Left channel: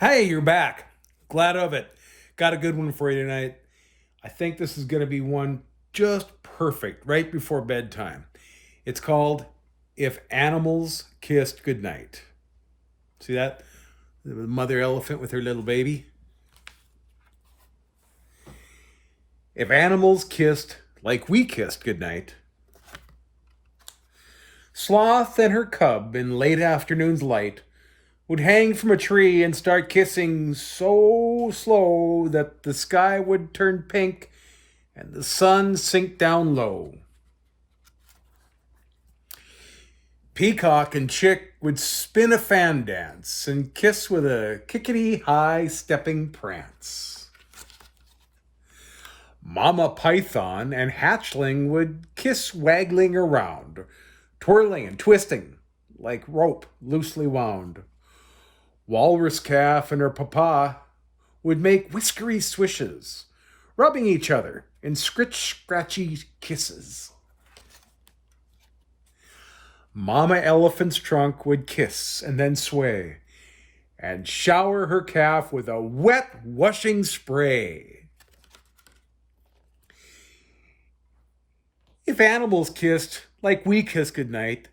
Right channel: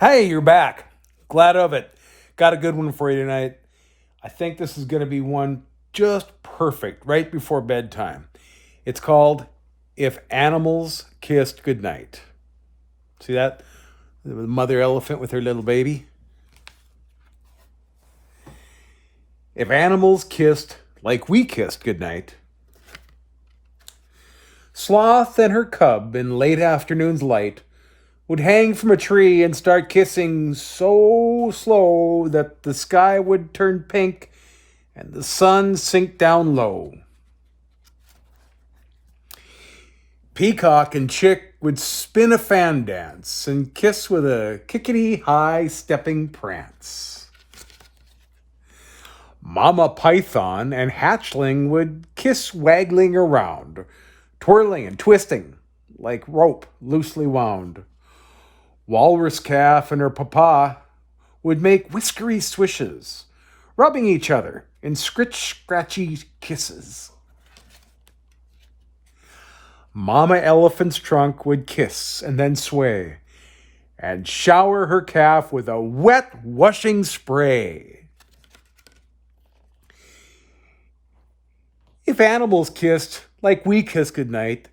Hey, you're back. Glad of it. Got a good one for you tonight. I think this is going to be one just perfect right before bedtime. It's called If Animals Kissed Goodnight. See that? The mother elephant with her little baby. If animals kissed like we kissed goodnight, Sloth and her cub in late afternoon's light would hang from a tree and start kissing so slow that the sky would turn pink and the sun sink down low. Peacock and chick would spin a fan dance and kiss with a kickety high stepping prance. Mama python and hatchling would kiss waggling around, twirling and twisting like rope loosely wound. Walrus calf and her papa would make whiskery swishes, rubbing each other in scratchy kisses. Mama elephant's trunk would kiss and then sway, and shower her calf with a wet washing spray. If animals kissed like we kiss goodnight,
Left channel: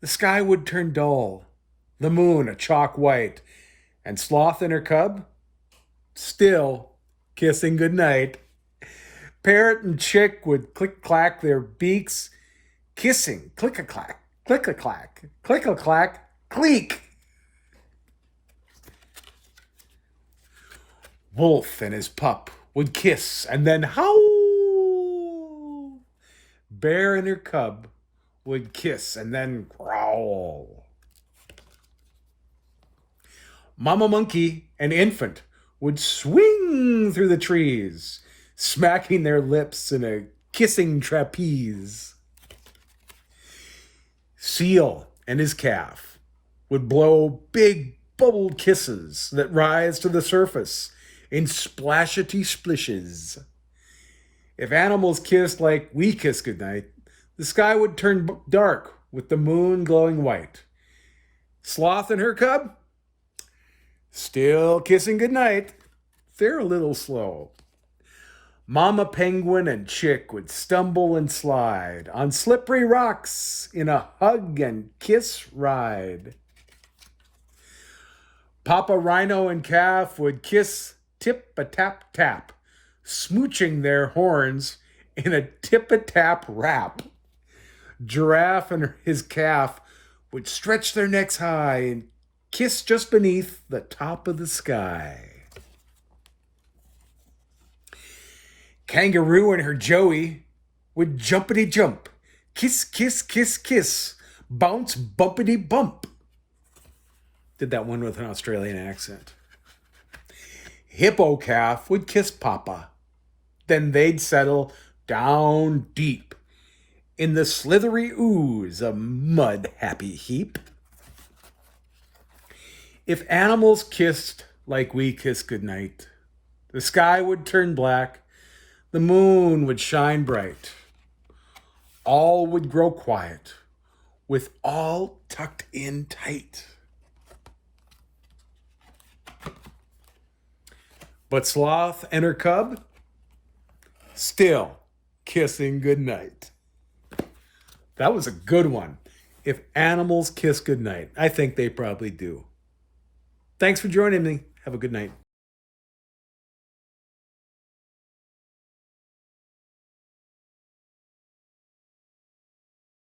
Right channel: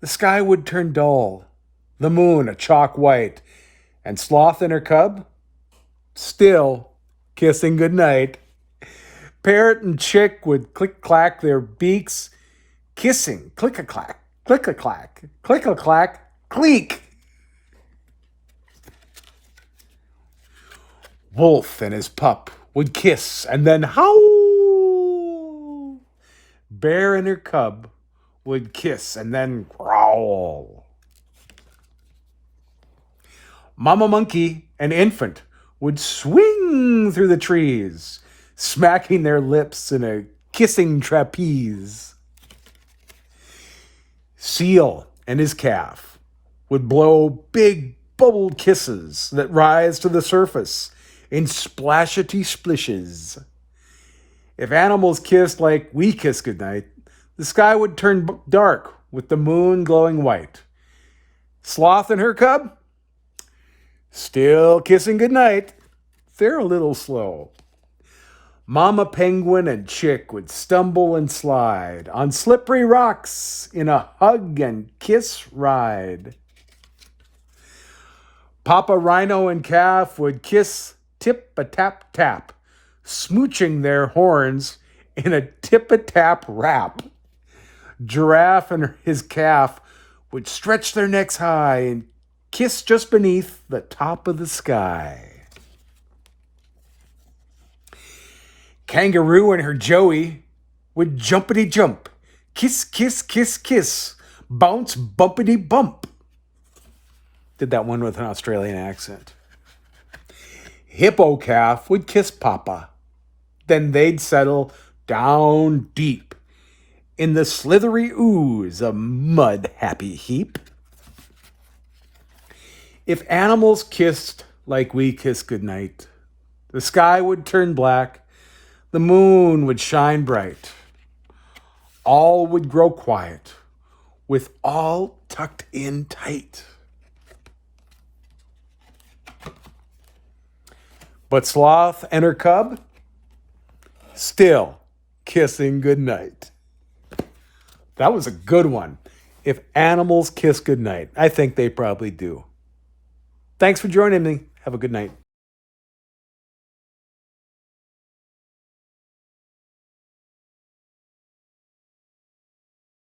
the sky would turn dull, the moon a chalk white, and Sloth and her cub still kissing goodnight. Parrot and chick would click-clack their beaks, kissing click-a-clack, click-a-clack, click-a-clack, cleek. Wolf and his pup would kiss and then howl. Bear and her cub would kiss and then growl. Mama monkey and infant would swing through the trees, smacking their lips in a kissing trapeze. Seal and his calf would blow big bubbled kisses that rise to the surface in splashety splishes. If animals kissed like we kiss goodnight, the sky would turn dark with the moon glowing white. Sloth and her cub still kissing goodnight. They're a little slow. Mama penguin and chick would stumble and slide on slippery rocks in a hug and kiss ride. Papa rhino and calf would kiss tip-a-tap-tap, smooching their horns in a tip-a-tap rap. Giraffe and his calf would stretch their necks high and kiss just beneath the top of the sky. Kangaroo and her joey would jumpity jump, kiss, kiss, kiss, kiss, bounce, bumpity bump. Did that one with an Australian accent. Hippo calf would kiss Papa. Then they'd settle down deep in the slithery ooze, a mud-happy heap. If animals kissed like we kiss goodnight, the sky would turn black, the moon would shine bright. All would grow quiet, with all tucked in tight. But Sloth and her cub still kissing goodnight. That was a good one. If animals kiss goodnight, I think they probably do. Thanks for joining me. Have a good night.